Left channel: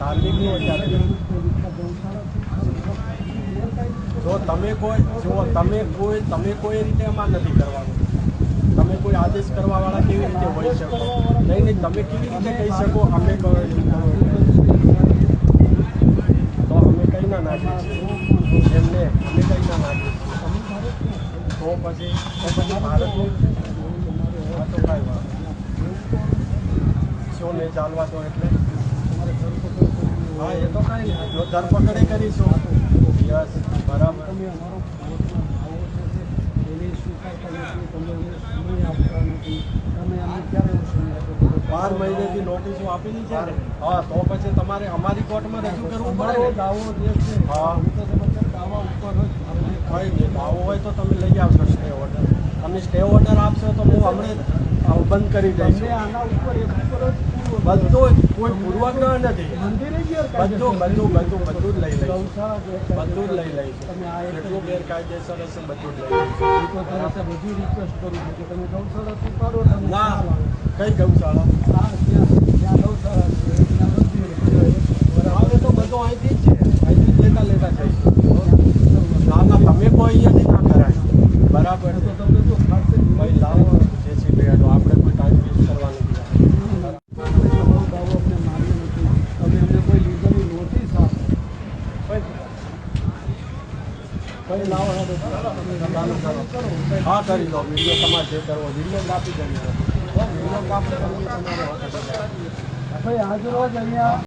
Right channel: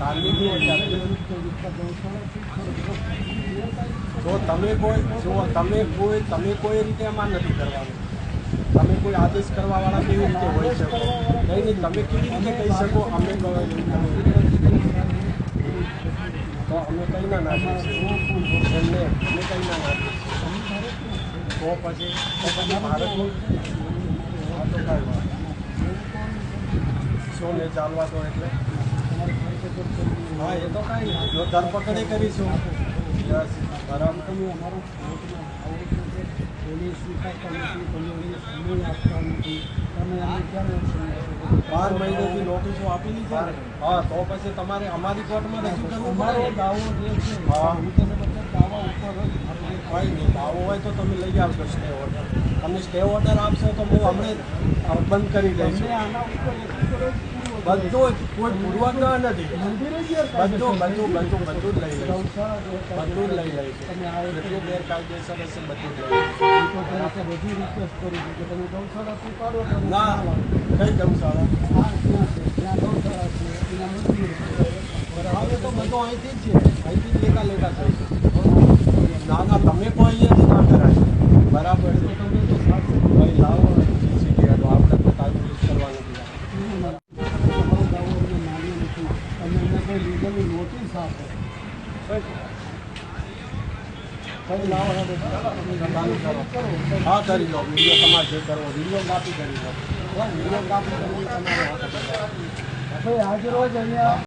તાલીમની અત્યારે જો તમે કોઈ રીતે એમાં નથી કરવાનું. તમે કોઈ આદેશ કરવાવાળા કેવી રીતે હોઈ શકો? નહીં, તમે કેવી રીતે કહી શકો અમે કહો તો અમે કંઈ ના નાખીએ છીએ એમને, અમે કંઈ ના નાખીએ છીએ તો પછી ભારતનું હા તો કાંઈ વાત શું ને ચાલવા તો એટલે હા એ તો કાંઈ નહીં, જો ધરપકડે કરીશું યસ બરાબર. તમે અમારો પોલીસ સ્વીકારતા નથી, તમે અમને સમય આપતા નથી, તમે અમને ક્યારે એવો સમય આપો? 12 મહિનેથી નોટિસો આપેલી છે ને. હા તો પછી તમારે અમારી કોર્ટમાં રજૂ કરવું અમારો પડે. દાવો જે છે હા હું તો સાહેબ દાવા ઉપર જ કંઈ નહીં, દાવો હોય તો તમે લઈ આવશો સ્ટે ઓર્ડર. તમે સ્ટે ઓર્ડર આપશો તો હું હમણાં બંધ કરી દઈશ. તમને આના ઉપર એક ઉપર જ બધું જ કોઈ પૂર્વાગ્રહ નથી. મંદિરે જ બધું જ લઈ લઈશ. ગૌશાળા બધું જ લઈ લઈશ. તમે આ જેટલું ગેરકાયદેસર હશે બધું જ લઈ લઈશ. તો તમે બધી રિક્વેસ્ટ કરું છું કે તમે ગૌશાળા સ્વીકારો. ના કઈ ગૌશાળા? હા ત્યાં ગૌશાળા છે, ત્યાં મંદિર બરાબર તો બધું અહીંથી જ છે, અહીંથી જ લેતા જઈશું. ના ના તમે કોઈ અહીંયાથી ના કરાય. બરાબર તો તમે તો ખાશે ભાઈ લાવો જેસીબી હેડો, આપણે કોઈ ટાઈમ વેસ્ટ કરવાનું નથી. તમે તમારો દાવો અમને માન્યો નથી, તમે અમને કોઈ લીગલી નોટિસ આપો. ભાઈ લાવો હેડો ચાલુ કરો. હા કરી લો વિડીયો, તમારે જે કરવો વિડીયોગ્રાફી કરી લો. વિડીયોગ્રાફી કરવી તમારે ભાઈ આજ રોજ અહીંયા